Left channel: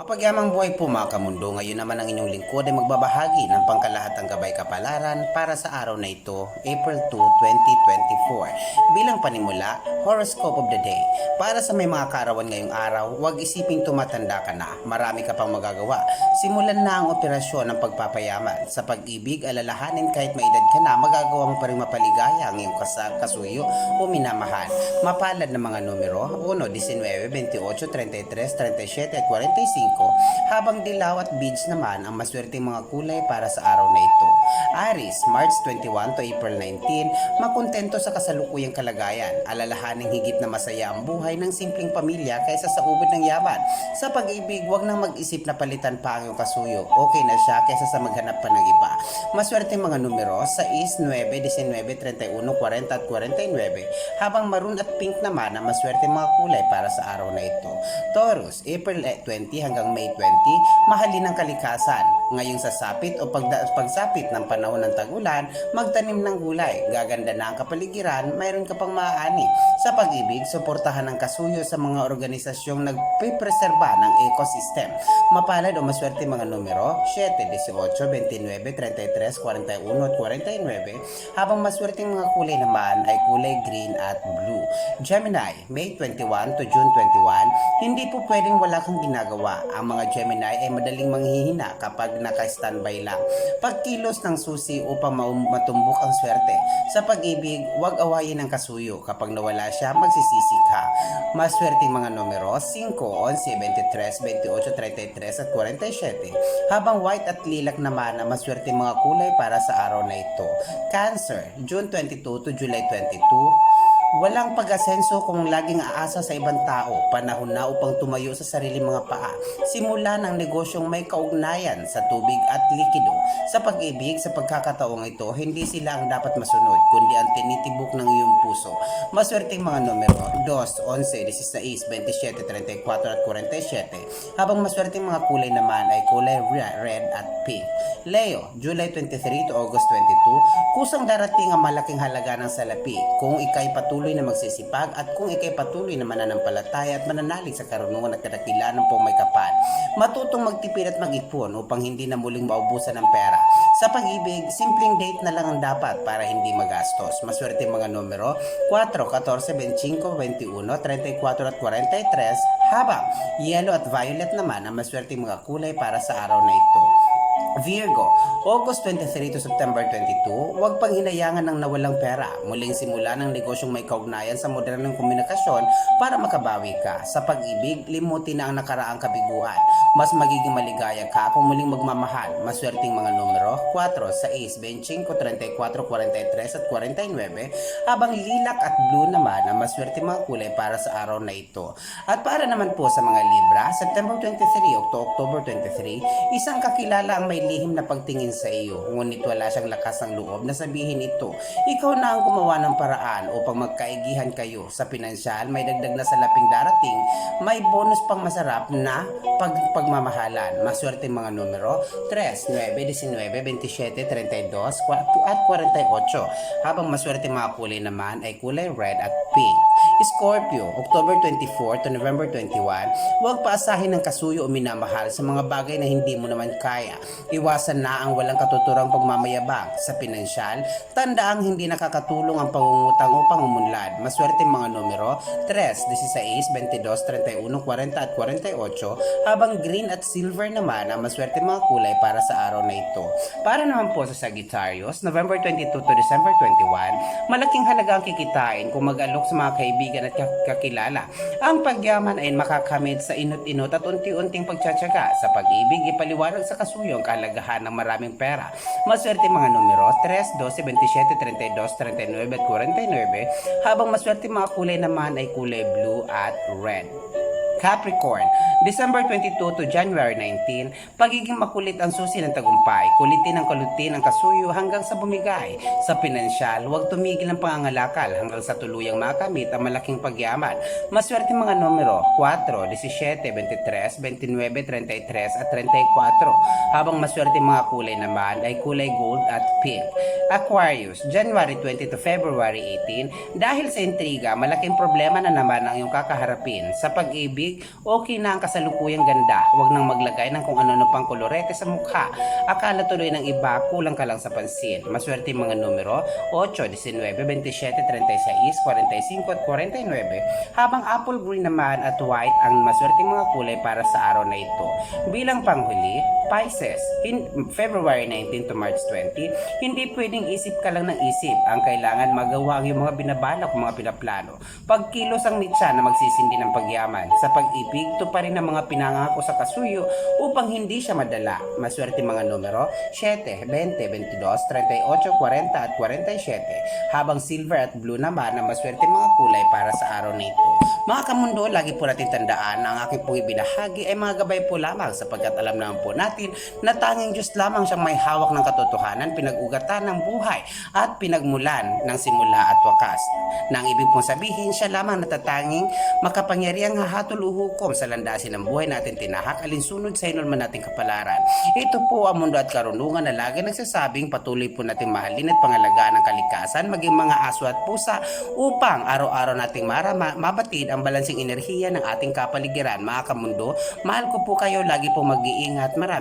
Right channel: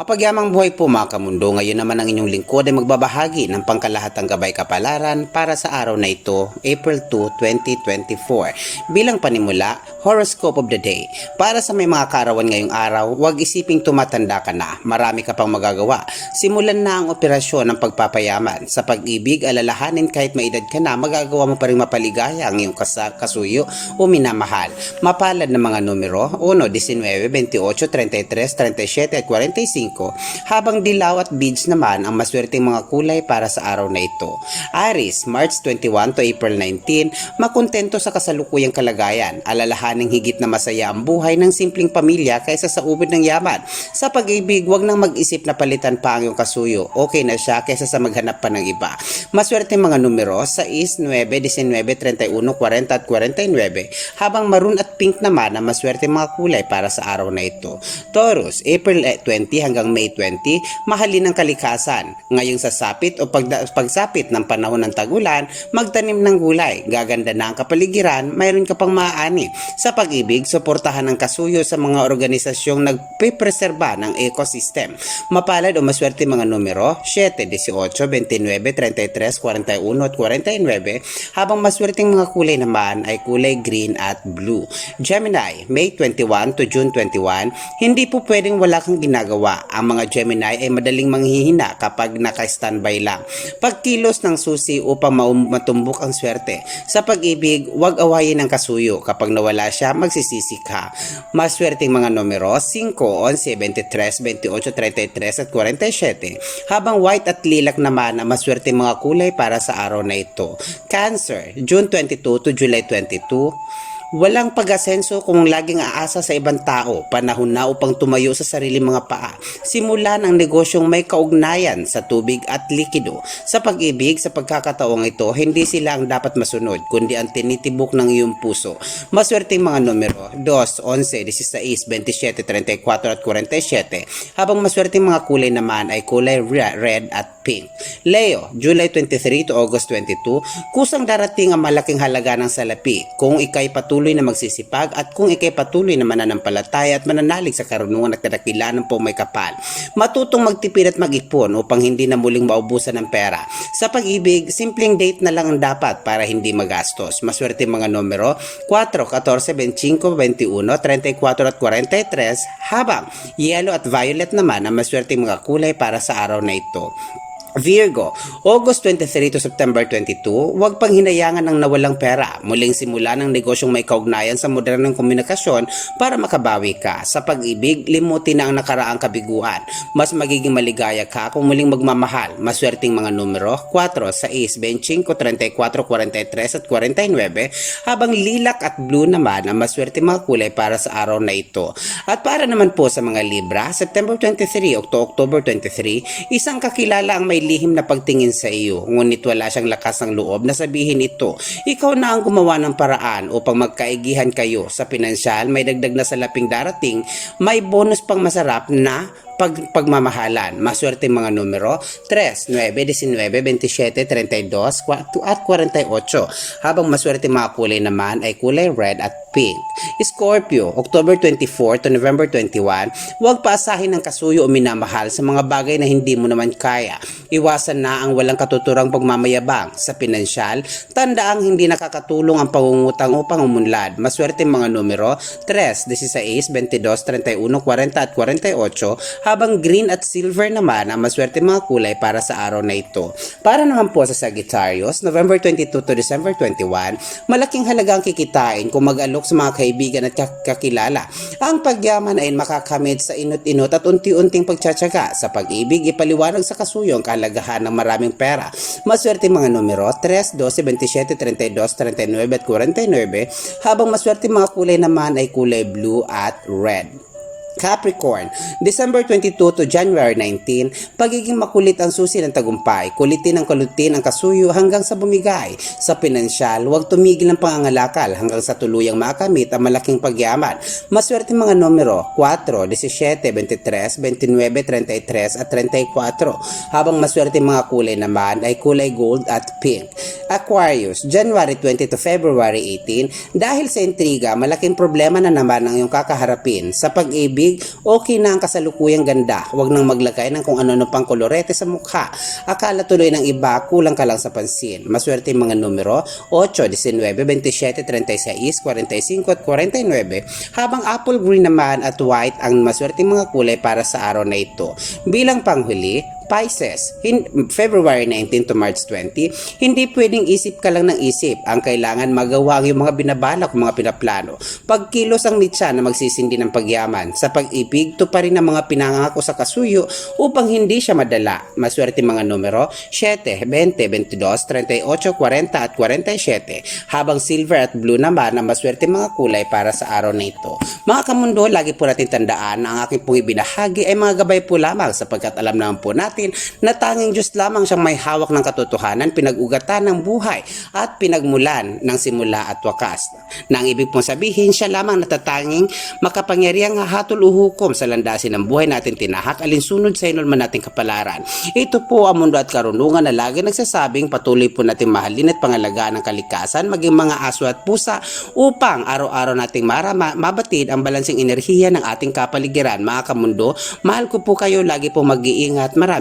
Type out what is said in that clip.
Mapagyamang buhay po mga kamundo, ngayon naman ang inyong lingkod ay magbabahagi ng pangkalahatang gabay kapalaran para sa araw na ito, April 2, 2024. Bilang panimula, Horoscope of the Day. Para sa may mga kaarawan ngayong araw, huwag isiping tumatanda ka na, marami ka pang magagawa. Simulan na ang operasyon ng pagpapayaman. Sa pag-ibig, alalahanin kahit may edad ka na, magagawa mo pa rin mapaligaya ang iyong kasa- kasuyo o minamahal. Mapalad na mga numero, 1, 19, 28, 33, 37 at 45, habang dilaw at beads naman ang maswerteng mga kulay para sa araw na ito. Aris, March 21 to April 19, makontento sa kasalukuyang kalagayan, alalahaning higit na masaya ang buhay ng simpleng pamilya kaysa sa ubod ng yaman. Sa pag-ibig, wag nang mag-isip na palitan pa ang iyong kasuyo. Okay na siya kaysa sa maghanap pa ng iba. Maswerte mga numero, 6, 9, 19, 31, 40 at 49, habang maroon at pink naman ang maswerte mga kulay para sa araw na ito. Taurus, April 20 hanggang May 20, mahalin ang kalikasan. Ngayong sasapit o pagda- pagsapit ng panahon ng tagulan, magtanim ng gulay. Gaganda na ang kapaligiran, mayroon ka pang maaani. Sa pag-ibig, suportahan ang kasuyo sa mga organisasyong nagpipreserba ng ecosystem. Mapalad o maswerte mga numero, 7, 18, 29, 33, 41 at 49, habang maswerteng mga kulay naman ay kulay green at blue. Gemini, May 21 to June 21, hindi po pwedeng wala kang ginagawa. Ang mga Gemini ay madaling manghihina kapag naka-standby lang. Pagkilos ng susi upang matumbok ang swerte. Sa pag-ibig, huwag awayin ang kasuyo. Kapag nawala siya, magsisisi ka. Maswerteng mga numero, 5, 11, 23, 28, 33 at 47. Habang white at lilac naman ang maswerteng mga kulay para sa araw na ito. Cancer, June 22 to July 22. Walang pag-asenso kung laging aasa sa ibang tao, panahon na upang tumayo sa sarili mga paa. Simulan ang negosyong may kaugnayan sa tubig at likido. Sa pag-ibig, sa pagkakataong ito, hindi sila ang dapat masunod, kundi ang tinitibok ng iyong puso. Maswerteng mga numero, 2, 11, 16, 27, 34 at 47. Habang maswerteng mga kulay naman ay kulay re- red at pink. Leo, July 23 to August 22, kusang darating ang malaking halaga ng salapi kung ikay patuloy na magsisipag at kung ikay patuloy na mananampalataya at mananalig sa karunungan at kadakilanan po may kapal. Matutong magtipid at mag-ipon upang hindi na muling maubusan ng pera. Sa pag-ibig, simpleng date na lang ang dapat para hindi magastos. Maswerte mga numero 4, 14, 25, 21, 34 at 43 habang yellow at violet naman ang maswerte mga kulay para sa araw na ito. Virgo, August 23 to September 22, huwag pang hinayangan ng nawalang pera. Muling simula ng negosyong may kaugnayan sa modernong komunikasyon para makabawi ka. Sa pag-ibig, limutin na ang nakaraang kabiguan. Mas magiging maligaya ka kung muling magmamahal. Maswerteng mga numero, 4, 6, 25, 34, 43 at 49, habang lilak at blue naman ang maswerteng mga kulay para sa araw na ito. At para naman po sa mga Libra, September 23 to October 23, isang kakilala ang may lihim na pagtingin sa iyo, ngunit wala siyang lakas ng loob na sabihin ito. Ikaw na ang gumawa ng paraan upang magkaigihan kayo. Sa pinansyal, may dagdag na salaping darating, may bonus pang masarap na pag pagmamahalan. Maswerte mga numero 3, 9, 19, 27, 32, 4 at 48. Habang maswerte mga kulay naman ay kulay red at pink. Scorpio, October 24 to November 21, huwag paasahin ng kasuyo o minamahal sa mga bagay na hindi mo naman kaya. Iwasan na ang walang katuturang pagmamayabang sa pinansyal. Tandaang hindi nakakatulong ang pangungutang upang umunlad. Maswerte mga numero 3, 16, 22, 31, 40 at 48 habang green at silver naman ang maswerte mga kulay para sa araw na ito. Para naman po sa Sagittarius, November 22 to December 21, malaking halaga ang kikitain kung mag-alok sa mga kaibigan at kak- kakilala. Ang pagyaman ay makakamit sa inot-inot at unti-unting pagtsatsaga. Sa pag-ibig, ipaliwanag sa kasuyo ang kahalagahan ng maraming pera. Maswerte mga numero 3, 12, 27, 32, 39 at 49 habang maswerte mga kulay naman ay kulay blue at red. Capricorn, December 22 to January 19, pagiging makulit ang susi ng tagumpay, kulitin ang kalutin ang kasuyo hanggang sa bumigay. Sa pinansyal, huwag tumigil ang pangangalakal hanggang sa tuluyang makamit ang malaking pagyaman. Maswerte mga numero 4, 17, 23, 29, 33 at 34, habang maswerte mga kulay naman ay kulay gold at pink. Aquarius, January 20 to February 18, dahil sa intriga, malaking problema na naman ang iyong kakaharapin. Sa pag-ibig, pag-ibig, okay na ang kasalukuyang ganda. Huwag nang maglagay ng kung ano-ano pang kolorete sa mukha. Akala tuloy ng iba, kulang ka lang sa pansin. Maswerte mga numero 8, 19, 27, 36, 45 at 49. Habang apple green naman at white ang maswerte mga kulay para sa araw na ito. Bilang panghuli, Pisces, in February 19 to March 20, hindi pwedeng isip ka lang ng isip. Ang kailangan magawa ang yung mga binabalak, mga pinaplano. Pagkilos ang nitsa na magsisindi ng pagyaman. Sa pag-ibig, to pa rin ang mga pinangako sa kasuyo upang hindi siya madala. Maswerte mga numero 7, 20, 22, 38, 40 at 47. Habang silver at blue naman ang maswerte mga kulay para sa araw na ito. Mga kamundo, lagi po natin tandaan na ang aking pong ibinahagi ay mga gabay po lamang sapagkat alam naman po natin na tanging Diyos lamang siyang may hawak ng katotohanan, pinag-ugatan ng buhay at pinagmulan ng simula at wakas. Nang ibig pong sabihin, siya lamang natatanging makapangyarihang hahatol o hukom sa landasin ng buhay natin tinahak alinsunod sa inulman nating kapalaran. Ito po ang mundo at karunungan na lagi nagsasabing patuloy po natin mahalin at pangalagaan ang kalikasan maging mga aso at pusa upang araw-araw nating marama, mabatid ang balansing enerhiya ng ating kapaligiran. Mga kamundo, mahal ko po kayo, lagi po mag-iingat.